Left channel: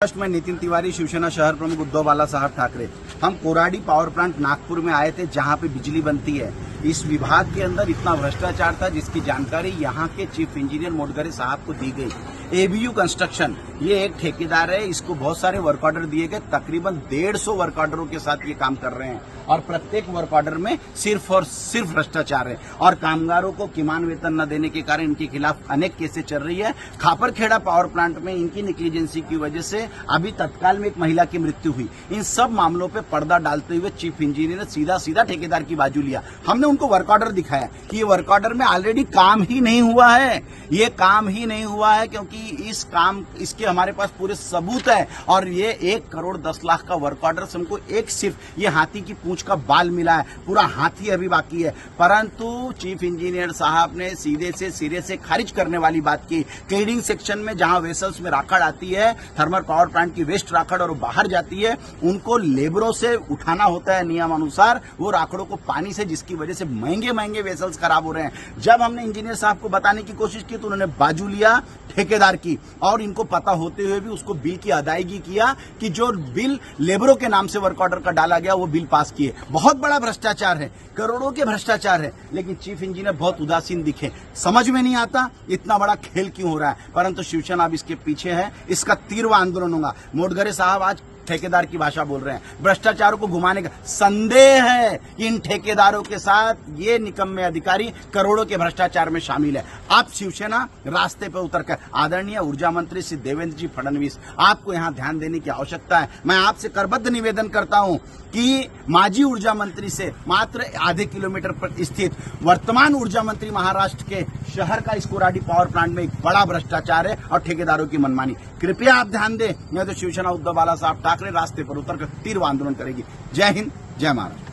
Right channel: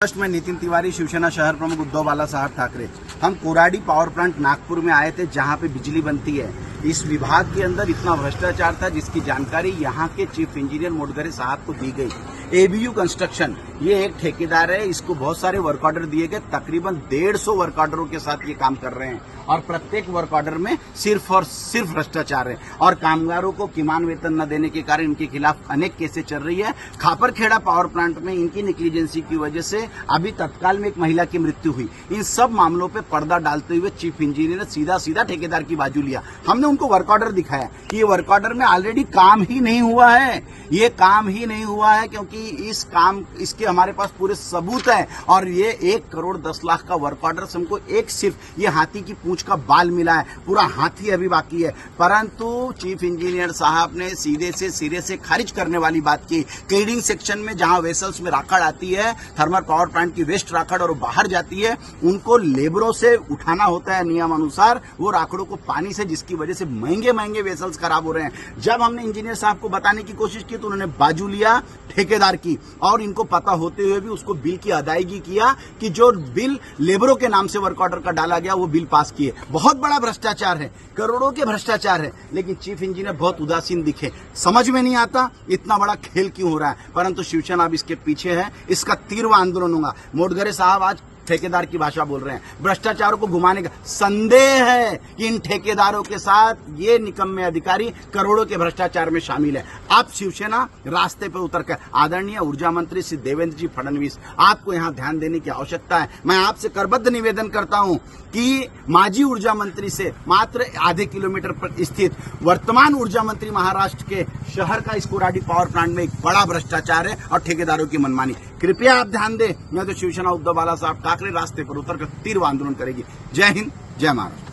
मैं नितिन तिवारी, शिवसेना शहर प्रमुख उद्धव बालासाहब ठाकरे। हम कोराडी पावर प्लांट नागपुर में आए थे, जहां पे बिजली बनती है। इस विभाग के अंदर इतना भ्रष्टाचार था जिसकी जानकारी यहां के चीफ इंजीनियर मोडगरे साहब को दी गई। एबीयू कंस्ट्रक्शन ये एक ठेकेदार है, इसको बहुत सारे वर्क ऑर्डर दिए गए। तकरीबन 150 वर्क ऑर्डरों के साथ ये काम कर रहे हैं और प्रत्येक वर्क ऑर्डर में सिर्फ और सिर्फ भ्रष्टाचार है और कामगारों को किमान वेतन न देने के कारण इनके खिलाफ अनेक केसें चल रही है। खापरखेड़ा पावर प्लांट में इनकी निग्लिजेंसी की वजह से अभी तत्काल में एक महिला की मृत्यु हुई। इन सब मामलों पे पर्दा डालते हुए चीफ इंजीनियर ने सीधा ठेकेदार की बाजू लिया। हमने उनको वर्क ऑर्डर दिखाया कि ये वर्क ऑर्डर में ऑलरेडी काम ही नहीं हुआ है, ये काम ही नहीं हुआ है क्योंकि इसके हमारे पास पूरे सबूत है। और ये 1 करोड़ 10 लाख का वर्क ऑर्डर से हमको एक सिर्फ ये हाथी की पूंछ का बाल मिला है, पूरा हाथी अभी बाकी है। परंतु चीफ इंजीनियर साहब ने सीधे से सिरे से खारिज करने वाली बात की। क्लीनिंग सेक्शन में जहां वेसल्स में राखड़ आती है, थर्मल पावर प्लांट की वेस्ट राखड़ और वो बाहर जाती है, उनको लेबरों से उठाना होता है नियम अनुसार वो राखड़ों को पानी से, जिसकी वजह से महंगे वेसल्स खराब हो रहे हैं। जब हमने इंजीनियर साहब को बताने की कोशिश की तो उन्होंने बाजू लिया ठेकेदार की और इनको पता होते हुए भी उसको बिल की अदायगी किया कि जो बिल लेबरों के नाम से वर्क ऑर्डर का डाला गया वो बिल पास किए। बहुत बड़ा भ्रष्टाचार है, करोड़ों के भ्रष्टाचार है, लेकिन चीफ इंजीनियर बहुत उदासीन दिखे। समझ में नहीं आता इतना बड़ा खेल क्यों हो रहा है, परंतु शिवसेना अब इसके पीछे है। इसका तीव्र आंदोलन होगा। मोडगरे साहब आज ठेकेदार की भाषा बोल रहे हैं। भ्रष्टाचारों को घुमाने का संदेह है कि इन ठेकेदारों के साथ ये निकम्मे अधिकारी करोड़ों के भ्रष्टाचार में शामिल है। आप शिवसेना रास्ते पर उतर कर, आदरणीय ऊर्जा मंत्री श्री देवेंद्र जी फडणवीस, आपको यहां ध्यान देने की आवश्यकता है। मैं आपसे करबद्ध निवेदन करता हूं कि माजी ऊर्जा मंत्री से मात्र आधे किलोमीटर पर स्थित वर्तमान ऊर्जा मंत्री महाराष्ट्र के शहर का इस कोराडी पावर प्लांट में एक बड़ा भ्रष्टाचार है और ठेकेदारों की मनमानी। कृपया आप ध्यान दें, नहीं तो शिवसेना उद्धव बालासाहब ठाकरे रास्ते पर उतरकर तीव्र आंदोलन करेगी। जय हिंद, जय महाराष्ट्र।